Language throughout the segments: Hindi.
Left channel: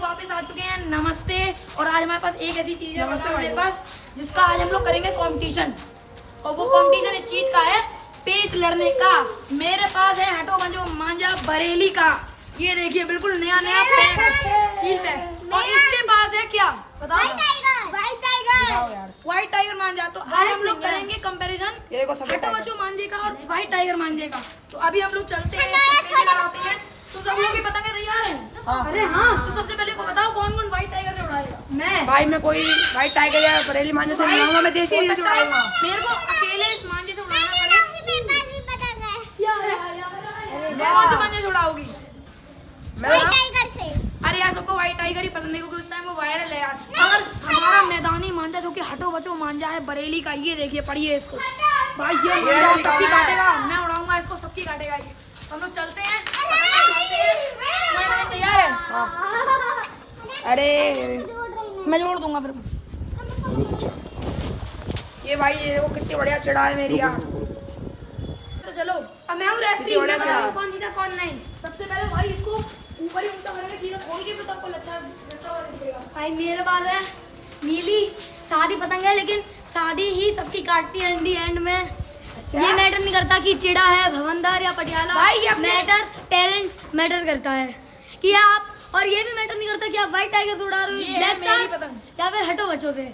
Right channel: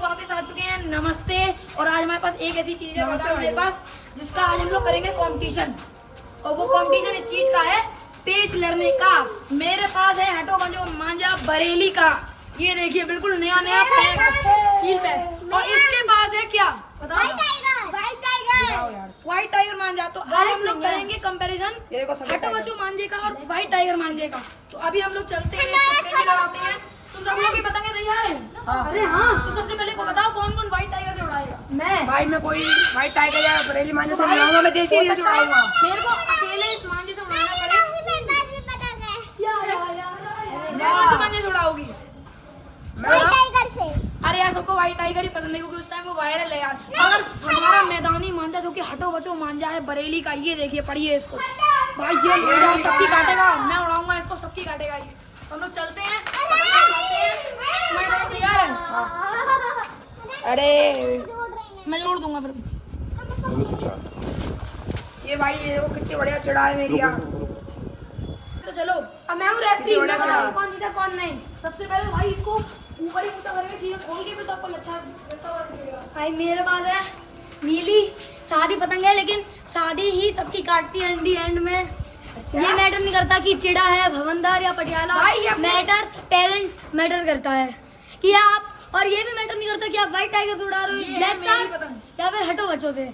लोग वापस आ चुके हैं। नमस्ते। और आज हमारे पास एक ऐसी चीज है मेरे पास जिसका आज हम लोग करेंगे कंपटीशन। और वो कंपटीशन इस चीज का है, पेच लड़ने का। मेरे पास है हटो बंजो मांझा बरेली का, ये देखिए बिल्कुल नया नया पैक, सील पैक। और इसके पास है क्या बताओ? व्हाइट टाइगर मांझा। तो आज हम लोग करेंगे कंपैरिजन हटो बच्चों मांझे का और व्हाइट टाइगर मांझे का। तो अभी हम लोग चलते हैं, लगाते हैं। तुम सब लोग की पतंगे तैयार हैं? अरे हाँ। तो सबसे पहले को बताओ कौन कौन व्हाइट टाइगर से उड़ाएगा? मैं भाई, मैं कोई व्हाइट टाइगर या बरेली मांझे से उड़ाऊंगा। मैं देसी से उड़ाऊंगा। मेरे को अकेले इस मांझे से उड़ाना पड़ेगा। कौन से मांझे से उड़ाओगी? अरे यार, सबको व्हाइट टाइगर ही पसंद है क्योंकि उस टाइम वो वायरल है यार। अगर हमारा मैदानी मांझा जो कि हटो बचो मांझा है बरेली का, ये देखिए पढ़िए इसको भाई, ये मांझा सबकी काटेगा। मैं उड़ाऊंगा इसको, सबकी काटेगा ये। हम लोग चलते हैं। तैयार है? अरे मैं जोड़ दूंगा फिर। ये भाई ये वो कितनी बढ़िया चढ़ा है मेरी यार। तो चलो अब मैं हूँ रेफरी, कौन जीता कौन नहीं। सबसे पहले भाई इसको ऊपर ही ऊंचा करके सीधे खोल के भी तो आपको अच्छा दिखेगा। भाई मेरे पास है नीली सादी पतंग है, लेकिन सादी ही सबकी काटती है एंड में। अच्छा? ये मैटर नहीं करता कि चिड़ा है भवनदार या पटियाला, मैटर टैलेंट मैटर करता है कि आप, और ये भी मैटर नहीं करता कि आप व्हाइट टाइगर उड़ा रहे हो ब्लैक का या फिर हटो बच्चों से,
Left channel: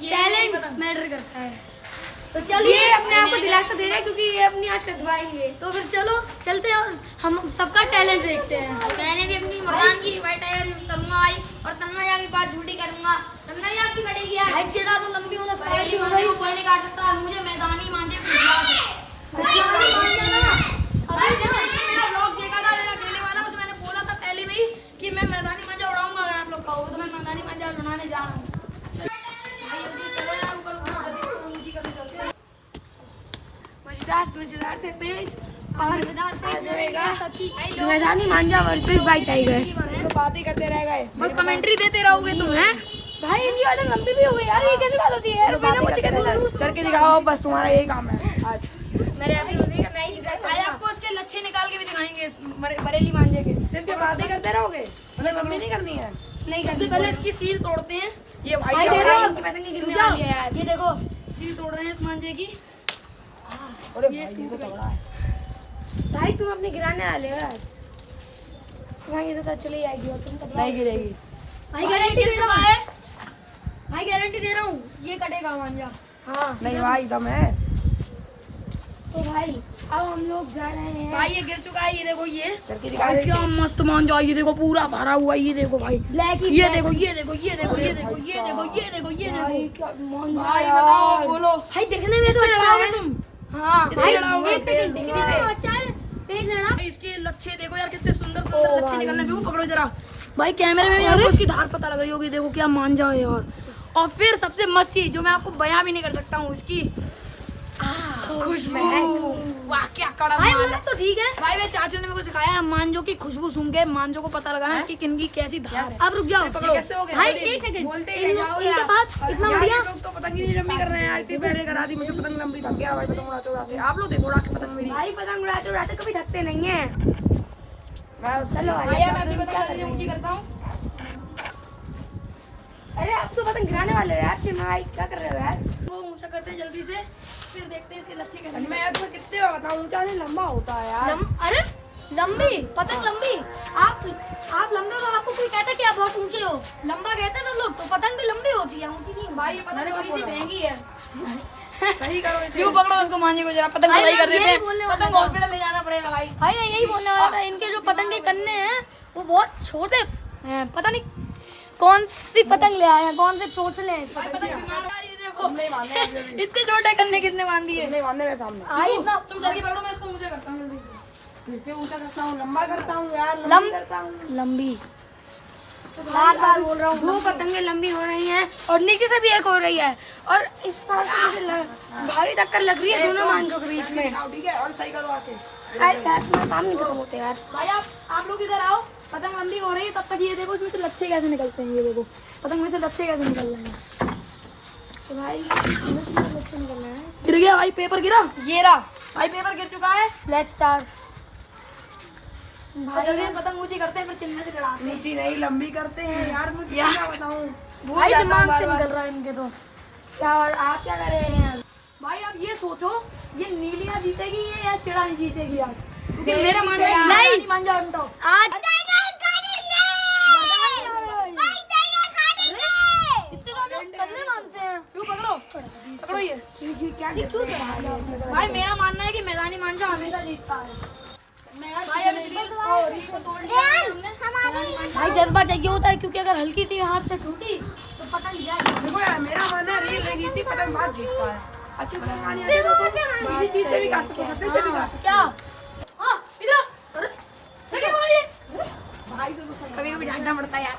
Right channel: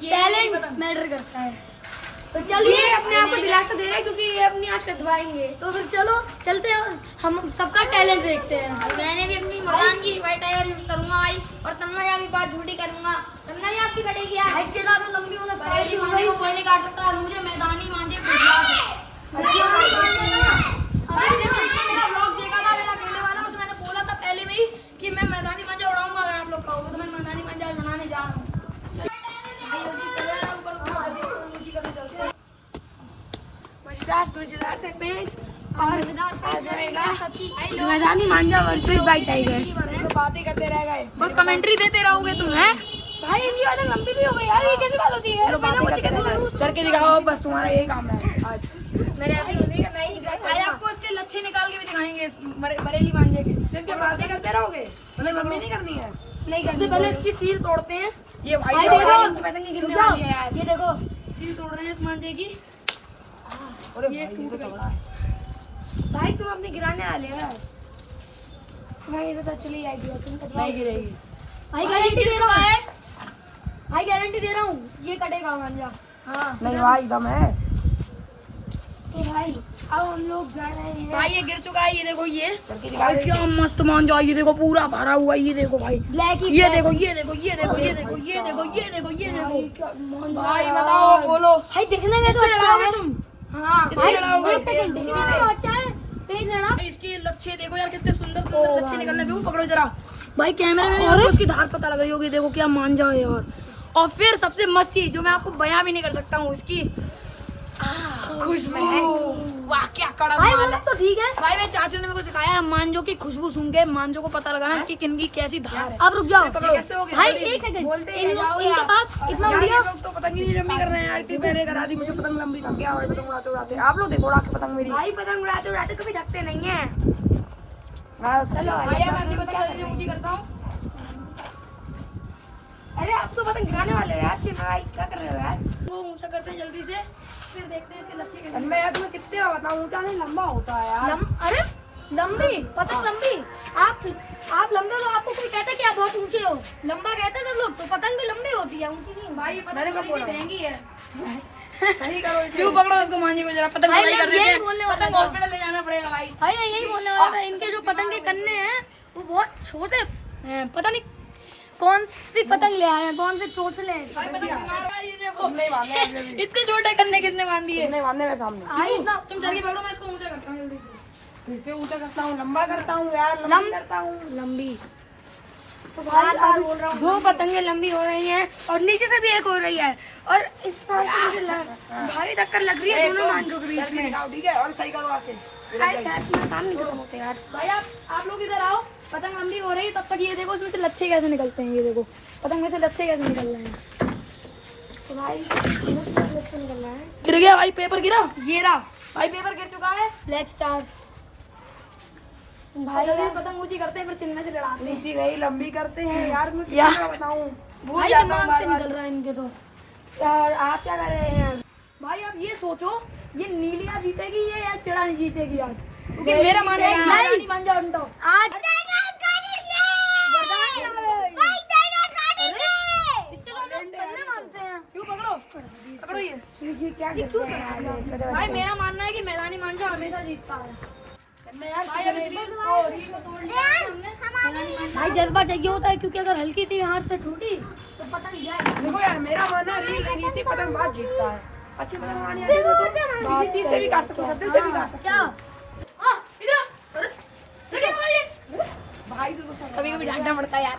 टैलेंट मैटर करता है। तो चलिए अपने आप को दिलासा दे रहे हैं क्योंकि ये अपनी आज कटवाएंगे। तो फिर चलो चलते हैं, हम सबका टैलेंट देखते हैं। मैंने भी अपनी मकान की व्हाइट टाइगर यूज करूंगा भाई, और तन्ना की बात झूठी करूंगा। तन्ना आपकी कटेगी यार, हाइट चिड़ा तो लंबी होना बरेली मांझे को कोई नहीं काट सकता, मुझे मैदानी मांझे विश्वास है। भाई जब इसने मेरा ब्लॉग देखा था, मेरा अकेले वाला, उसमें मैंने बोला था पहले में ही कि मैं मैदानी मांझा उड़ाऊंगा। अगर आप लोग कहोगे तो मैं मैदानी मांझा उड़ाने जा रहा हूँ। मजेदार से पेज और मैदानी मांझा वर्सेस व्हाइट टाइगर। बातें करते रह गए, बस कमेंट्री देते रहोगे तुम। हैं भाई इनकी वजह लंबी भी हो गई यार, ये कैसे बात होती है? चल के दिखाओ, बस तुम्हारा यही काम है आज। मेरे अभी होने का मैं ही आज आपको इसके लच्छे निकाल के भी दिखाएंगे बरेली मांझे के। सिर्फ बातें करते रहोगे, मतलब लंबी नहीं करनी है। नहीं सबसे पहले इसकी सील तोड़ते हैं। ये भाई पतंग गिरने वाली है यार, ये देखो सील तोड़ रहे हैं इस मांझे की। ये टूट गई भाई, तुम अपनी गिराने वाले हो यार। भाई ये तो चली जाएगी, तुम नहीं गिरेगी। भाई गारंटी दे रहा है, भाई गारंटी दे रहा हूँ ये कटेगा मांझा। हाँ नहीं भाई दम है। तो भाई अब हम लोग जा रहे हैं। भाई ये गिर चुका है, ये देखो। ये भाई क्या मस्त मांझा, ये देखो पूरा भरा हुआ। ये देखो भाई, ब्लैक ये देखो, ये देखो, ये देखो, ये देखो, ये देखो, ये देखो, ये देखो। भाई यार। बताओ, बोलो भाई दिखने में तो अच्छा है तुम। हाँ इससे भाई, लड़ाओगे? एक सेकंड, दिखने में तो अच्छा है, पेज लड़ा। इसके लच्छे देखो यार, कितने सुंदर सुंदर लच्छे निकलने भी। पकड़ो जरा भाई, कैमरे में भी आपको उसकी धार पता लग रही होगी। देखो क्या मांझा है यार। और फिर सबसे मस्त चीज जो मैं आपको बयां भी नहीं कर सकता हूँ, इसकी खुशबू। वाह क्या कड़क भाई माल वो है। तो ठीक है। भाई मेरे चाचू ने मेरे को सिखाया है मांझों की खुशबू सूंघ के मांझों को पता लगाना कि किनकी कैसी धार है। अब रुक जाओ पकड़ो। भाई, एक सेकंड बोलते हैं इनके पास इतना यार बढ़िया। ये लोग तो पतंग ही नहीं लंबी कर रहे हैं यार। इतनी पहले करा दी मुझे पतंग लंबी थक गया भाई। तुम उड़ाते उड़ाते आप लोग देखो उड़ा के पतंग मेरी। भाई पतंग उड़ाते उड़ाते कभी थकते नहीं है। चलो भाई मैं अपनी पतंग जल्दी ऊंची करता हूँ। अरे आप तो पतंग गिराने वाले हो यार, चिन्ह भाई क्या कर रहे हो यार? वो ऊंचा करते हैं जल्दी से, फिर देखते हैं इसके लच्छे कैसे। मैं यार तुम्हें कितने बार बताऊं, ऊंचा नहीं लंबा होता है यार। अरे लंबी पतंग लंबी, आप लंबे हो, आपको कोई कहता कि आप बहुत ऊंचे हो, लंबा कहते हैं तो लोग, तो पतंग भी लंबी होती है, ऊंची नहीं। भाई ये पतंग थोड़ी सी महंगी है। सही करो, क्यों पकड़ो उसको मांझे को जरा। पतंग भाई सही मैं कर देते यही हैं। बोलने वाला पतंग था। हॉस्पिटल ले जाना पड़ेगा भाई। भाई मैं यही बोलने वाला था, इनके जो पतंग के कन्ने हैं वो बहुत छोटे हैं, पता नहीं कौन सी पतंग ले आए हैं, कौन से चोचले हैं। भाई पतंग बीमार हुआ, ये देखो इतने छोटे करने किसने बांध दिए? बांधने के सामने तुम जल्दी पकड़ो, मैं इसको ऊंचा करता हूँ जल्दी से। किससे ऊंचा करता हूँ? लंबा करता हूँ यार, लंबी करता हूँ। लंबी तो बोल रहा हूँ, दो पतंगे लंबी हो रही हैं और नीचे से भी एक हो रही है, और इस बार तो मुझे भारी टक्कर लग रही है दोनों मांझों के बीच में। ठीक है, और सही करो आके। काम नहीं खत्म होते यार। भाई आप लोग इधर आओ। पतंग लंबी हो रही है तब तक ये देखो इसमें से लच्छे कैसे निकलते हैं। ये देखो पतंग में से लच्छे कैसे निकल रहे हैं। तो भाई निकल रहा है। गिर गया भाई, पेपर गिरा। ये रहा भाई पेपर गिर चुका है। Black star. और जब ये पतंग ऊंची करते हैं फिर चिन्ह से लड़ाते हैं। ऊंची नहीं लंबी करते हैं यार, मुझे यार। क्या बताऊं। भूल भाई जाता हूँ दिमाग से बार-बार। निकल रहा है इनके तो। यार आप क्या कर रहे हैं? भाई आप ये सोचो, ये नीलिया जीतेगी या चिड़ा नहीं जीतेगी यार, क्योंकि मेरा मानना है कि नहीं। मैदानी मान जाओ उन top। आज करने मानते हैं, क्यों पकड़ो पकड़ो ये। ये क्या करते हैं? भाई मेरा मानना है कि मैदानी मांझा हमेशा जीतता है। भाई अब इस रील को तोड़ लिया है हमने। भाई जज्बा चाहिए होता है, क्योंकि अगर हल्की सी हाथ से छूटी तो पतंग जाएगी। देखो यार, मेरा मानना है रील नहीं जीतती, पतंग बात जीतता है। अच्छी पतंग आनी आती है तो किसी चीज से भी काट सकते, सत्ते से भी काट सकते। क्या? हाँ, इधर अरे देखिए पकड़िए। भाई तो कभी कभी डांटना पड़ता है यार।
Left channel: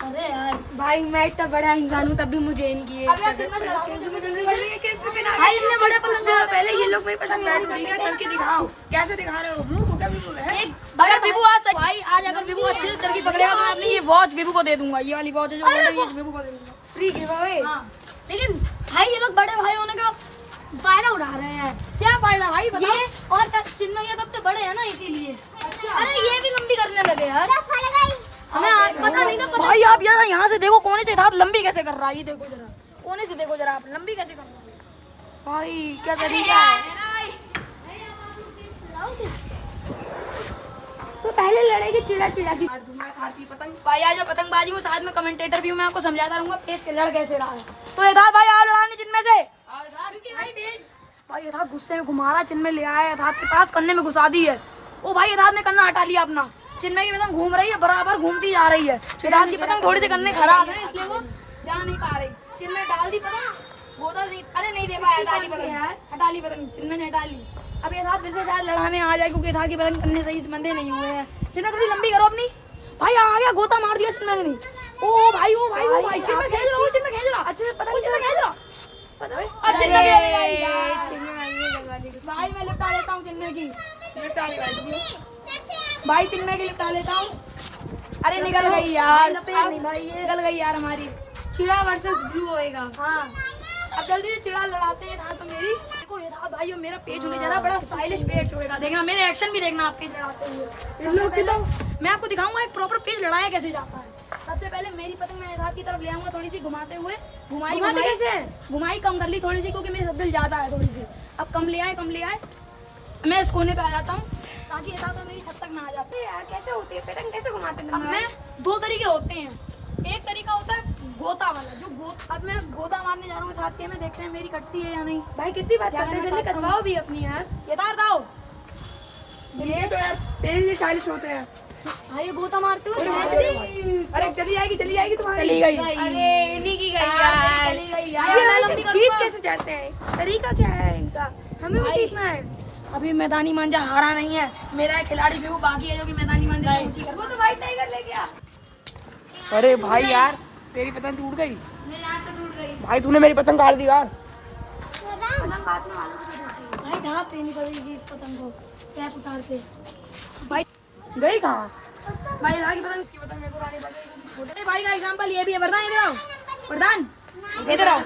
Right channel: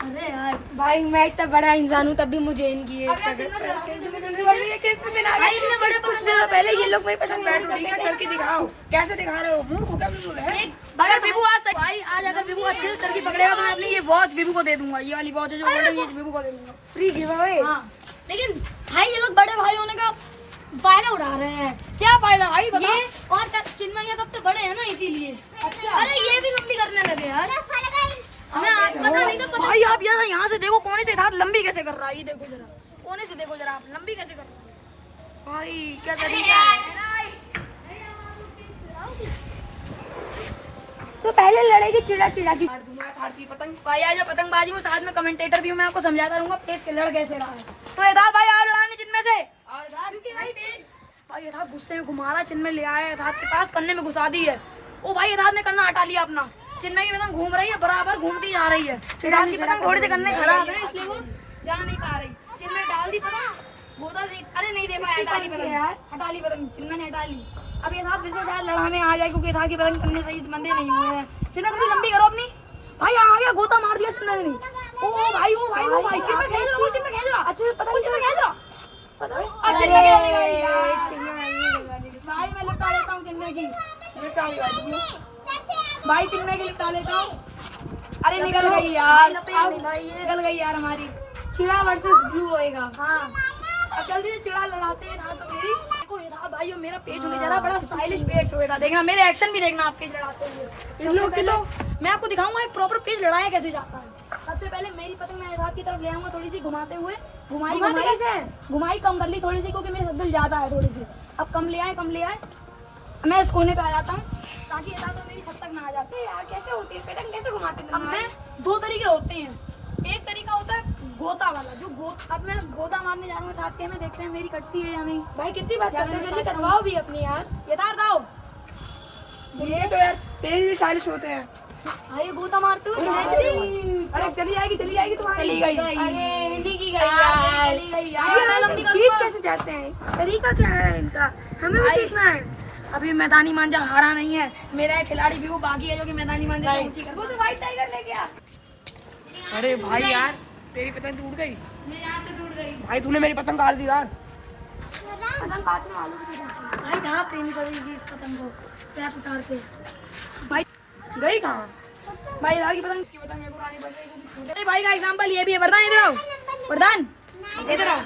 अरे यार भाई मैं इतना बड़ा इंसान हूँ तब भी मुझे इनकी ये भाई भाई इतने बड़े पतंग से पहले ये लोग मेरी पतंग लड़ी ठीक है, चल के दिखाओ, कैसे दिखा रहे हो? मूर्ख हो क्या बिल्कुल है? अगर विभू भाई आज अगर विभू अच्छे से तरकी पकड़ेगा तो मैं अपनी ये वॉच विभू को दे दूंगा। ये वाली वॉच है जो बड़ी है, विभू को दे दूंगा। फ्री गिव हाँ लेकिन भाई ये लोग बड़े भाई होने का फायदा उठा रहे हैं। क्या फायदा भाई बताओ? ये और चिन्मय तब तो बड़े हैं ना इसीलिए। अरे ये भी लंबी करने लगे यार, हमें आज पता नहीं था। पता भाई आप यार यहाँ से देखो कोने से हाथ लंबी कैसे कर रहा है, ये देखो जरा कोने से देखो जरा, आप लंबी कैसे कर रहा है। भाई क्या तरीका है। तो पहले लड़ेगी चिड़ा चिड़ा की। खाती पतंग। भाई आज जो पतंगबाजी वो साथ में कमेंटेटर भी हूँ, मैं आपको समझाता रहूंगा पेश के लड़ कैसे रहा है। तो यथार्थ भाई आप लड़ाने जिनमें से भाई यथार्थ गुस्से में घुमा रहा है, चिन्मय ले आया यथार्थ के पास, कन्ने में घुसा दी है। ओ भाई यथार्थ ने कन्ना हटा लिया अपना, चिन्मय की पतंग घूम रही है, बराबर घूमती जा रही है। यथार्थ की पतंग थोड़ी सी कन्ने खराब है इसलिए वो जा नहीं पा रही। चिन्मय डाल दी पतंग, गोता नहीं, अरे नहीं दे पाया, हटा ली पतंग, हटा ली पतंग, चिन्मय ने हटा ली। अब यथार्थ जैसे शायद लड़ाने आ जाए, क्योंकि यथार्थ की पतंग कन्ने सही से बंधे नहीं हुए हैं। चिन्मय कभी लंबी करो अपनी। भाई आ गया, गोता मार दिया चिन्मय ने। ओ भाई ओ भाई ओ भाई, चिन्मय खींच रहा, चिन्मय खींच रहा, अच्छे से पता नहीं चिन्मय खींच रहा। अरे भाई मैं लिपटा लेता हूँ चिन्मय की, लिपटा ली भाई चिन्मय की लिपटा लेता हूँ। अरे निकल गई यार, निकल गई यार हमारी। चिड़ा वर्सेस ब्लू होएगा। हाँ अब जल्दी से चिड़ा लड़ाते हैं यथार्थ। तो मेरी देखो यथार्थ भाई मेरा पेज होने जा रहा है, बड़ा स्टाइलिश पेज होएगा, देखना मेरे एक्शन भी देखना आप पेज लड़ाते हुए। सबसे पहले मैं आपको दिखाऊंगा एक प्रॉपर पेज लड़ाया कैसे जाता है। सबसे पहले मेरी पतंग मैं यथार्थ की तरफ ले आऊंगा, थोड़ी सी घुमाते हुए, घुमाई कम कर ली थोड़ी सी, क्योंकि मेरी शब्द ज्यादा है थोड़ी सी। अब कम ले आए मैं इस कोने पे आ जाता हूँ ताकि यथार्थ मेरी छत तक ना आ जाते। यार कैसे होती है पतंग, कैसे घुमाते हैं? अब मैं दो तरीके होते हैं, एक तरीका होता है गोता वाला, जो अब मैं गोता मारने जा रहा हूँ यथार्थ के, मैं देखते हैं मेरी कटती है या नहीं। भाई कितनी बात करते हैं, जल्दी कटवाओ भी अपनी यार। यथार्थ आओ। ये तो यार तेरी भी शालिश होते हैं। भाई ये गोता मारते हुए नाच दी। अरे चली आएगी तुम्हारी। चली गई। अरे इन्हीं की गई यार। चली गई यार। ये लंबी खींच कैसे जाते हैं, तरीका क्या है इनका, हमें भी सीखना है। अभी मैदानी मांझा हारा नहीं है, मेरा एक खिलाड़ी भी वो बाकी है जो कि मैदानी मांझा से ऊंची कर। वो तो व्हाइट टाइगर ले गया। अरे भाई यार, तेरी पतंग टूट गई। मैं यहाँ से टूट गई। भाई तूने मेरी पतंग काट दी यार। भाई धाप देनी पड़ेगी इस पतंग को टैप उतार के। भाई गई कहाँ? भाई यथार्थ की पतंग, उसकी पतंग मेरे को उड़ानी पड़ेगी। छोटे भाई का एग्जांपल ये भी है, वरदान इधर आओ, वरदान इधर आओ।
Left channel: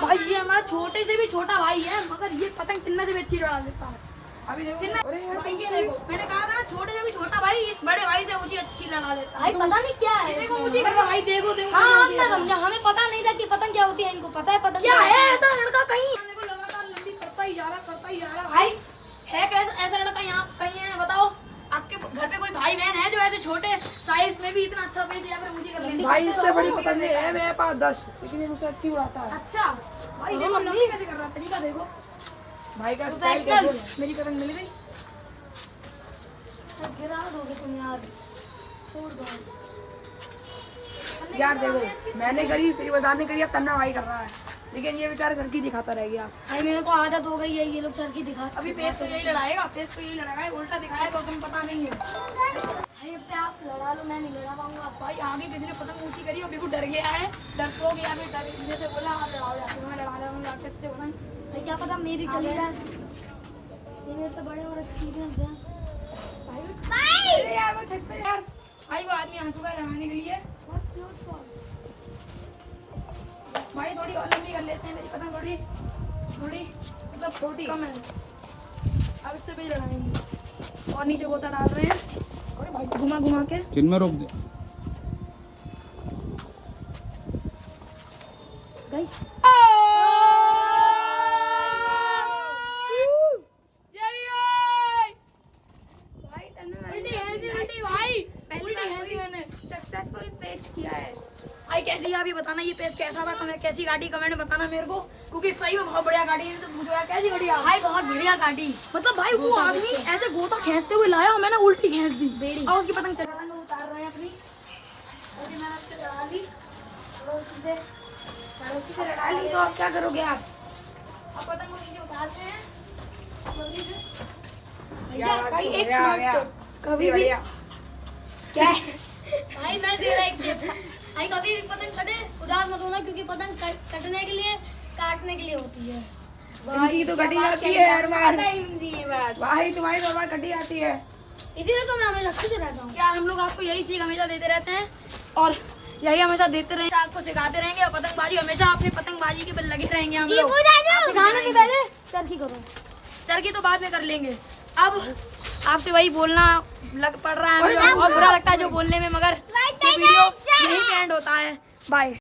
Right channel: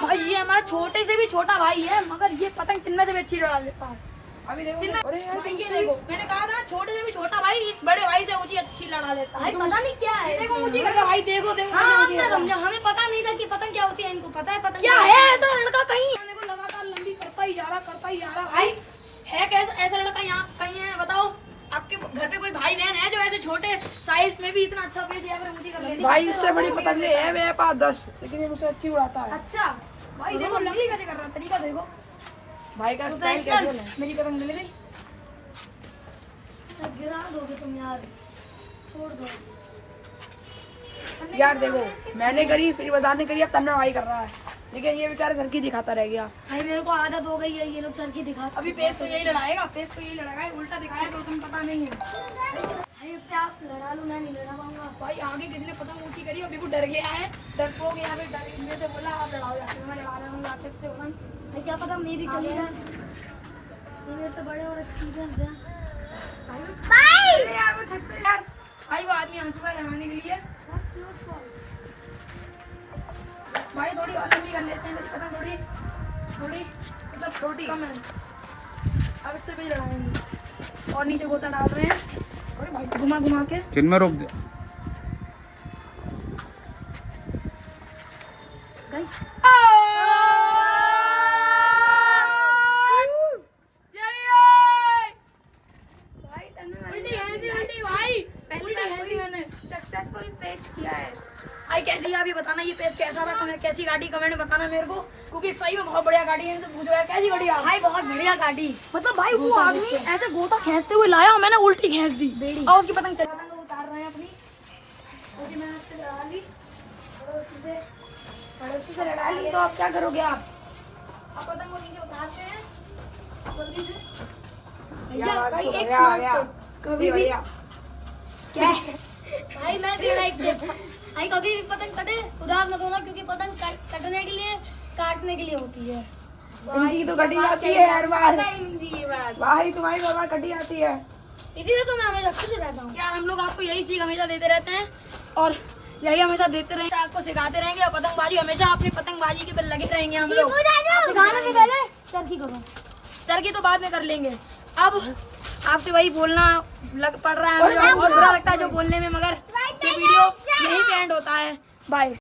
भाई ये हमारा छोटे से भी छोटा भाई है, मगर ये पतंग चिन्ह से भी अच्छी लड़ा लेता है। अभी देखो। चिन्मय, अरे यार भाई ये देखो, मैंने कहा था छोटे से भी छोटा भाई इस बड़े भाई से ऊंची अच्छी लड़ा लेता है। भाई पता नहीं क्या है, देखो ऊंची कर रहा भाई, देखो देखो। हाँ हम ना समझे, हमें पता नहीं था कि पतंग क्या होती है, इनको पता है पतंग क्या है ऐसा लड़का कहीं मेरे को लगातार लंबी करता ही जा रहा भाई। है कैसा ऐसा लड़का यहाँ कहीं है बताओ? आपके घर पे कोई भाई बहन है जो ऐसे छोटे साइज में भी इतना अच्छा पेज या फिर ऊंची कर लेती? भाई इससे बड़ी पतंगे है मेरे पास 10, इसलिए मुझसे अच्छी उड़ाता है। अच्छा भाई देखो लंबी कैसे कर रहा है, तरीका देखो भाई का प्रोफेशनल। मेरी पतंग मिल गई। गिरा दोगे तुम यार, छोड़ दो। यार देखो, मैंने करी, फिर वरदान ने करी, अब तन्ना भाई कर रहा है, लेकिन ये बेचारा सर की दिखाता रह गया। भाई मेरे को आदत हो गई है, ये लोग चल के दिखाते। अभी पेज को यही लड़ाएगा, पेज को यही लड़ाएगा, उल्टा दिखाएगा तो तुम पता नहीं है। भाई अब क्या आप लड़ा लो, मैं नहीं लड़ा पाऊंगा। भाई आगे किसी ने पतंग ऊंची करी और बिल्कुल डर गया है, डरपोक या फिर डर से बोला आप लड़ाओ जाते, मैं लड़ा रहा हूँ राक्षस से पतंग। भाई क्या पता मेरी चली जाए, ये मेरे से बड़े और एक्सपीरियंस है। अरे यार वो छत पे यार, भाई वो आदमी आ चुका है लड़ाने के लिए। बहुत क्लोज कॉल। भाई थोड़ी और लंबी कर लेते हैं, मेरी पतंग थोड़ी मतलब छोटी कम है। अब इससे भी लड़ाएंगे और नीचे गोता डाल रहे हैं। अरे भाई घुमा घुमा के चिन्ह में रोक दे। सक्सेसफुल पेज किया है। भाई कैसी आप ये बताना ये पेज कैसा था, हमें कैसी गाड़ी कमेंट में बताना मेरे को, क्योंकि सही में बहुत बढ़िया गाड़ी है। इनसे पूछो यार कैसी गाड़ी है भाई बहुत बढ़िया गाड़ी। मतलब भाई वो आदमी ऐसे गोता खींचते हुए लाया और मैंने उल्टी खींच दी और उसकी पतंग पतंग उतार रहे हैं अपनी। और मैं आपसे लड़ा ली पड़ोसी से लड़ा ली, तो आप क्या करोगे आप पतंग को नीचे उतारते हैं जल्दी से। भैया भाई एक मिनट कभी भी क्या भाई मैं दे रहा एक टिप। भाई कभी भी पतंग कटे उदास मत होना, क्योंकि पतंग कटने के लिए काटने के लिए होती है। इनकी तो कटी जाती है हर बार भाई, तुम्हारी तो बार कटी जाती है। इसीलिए तो मैं हमेशा खुश रहता हूँ। क्या हम लोग आपको यही सीख हमेशा देते रहते हैं और यही हमेशा देते रहेंगे, आपको सिखाते रहेंगे और पतंगबाजी हमेशा अपनी पतंगबाजी के पे लगे रहेंगे हम लोग। सिखाने से पहले चरखी को चरखी तो बाद में कर लेंगे। अब आपसे वही बोलना लग पड़ रहा है, हमें बहुत बुरा लगता है जो बोलने में, मगर ये वीडियो यहीं पे एंड होता है। बाय।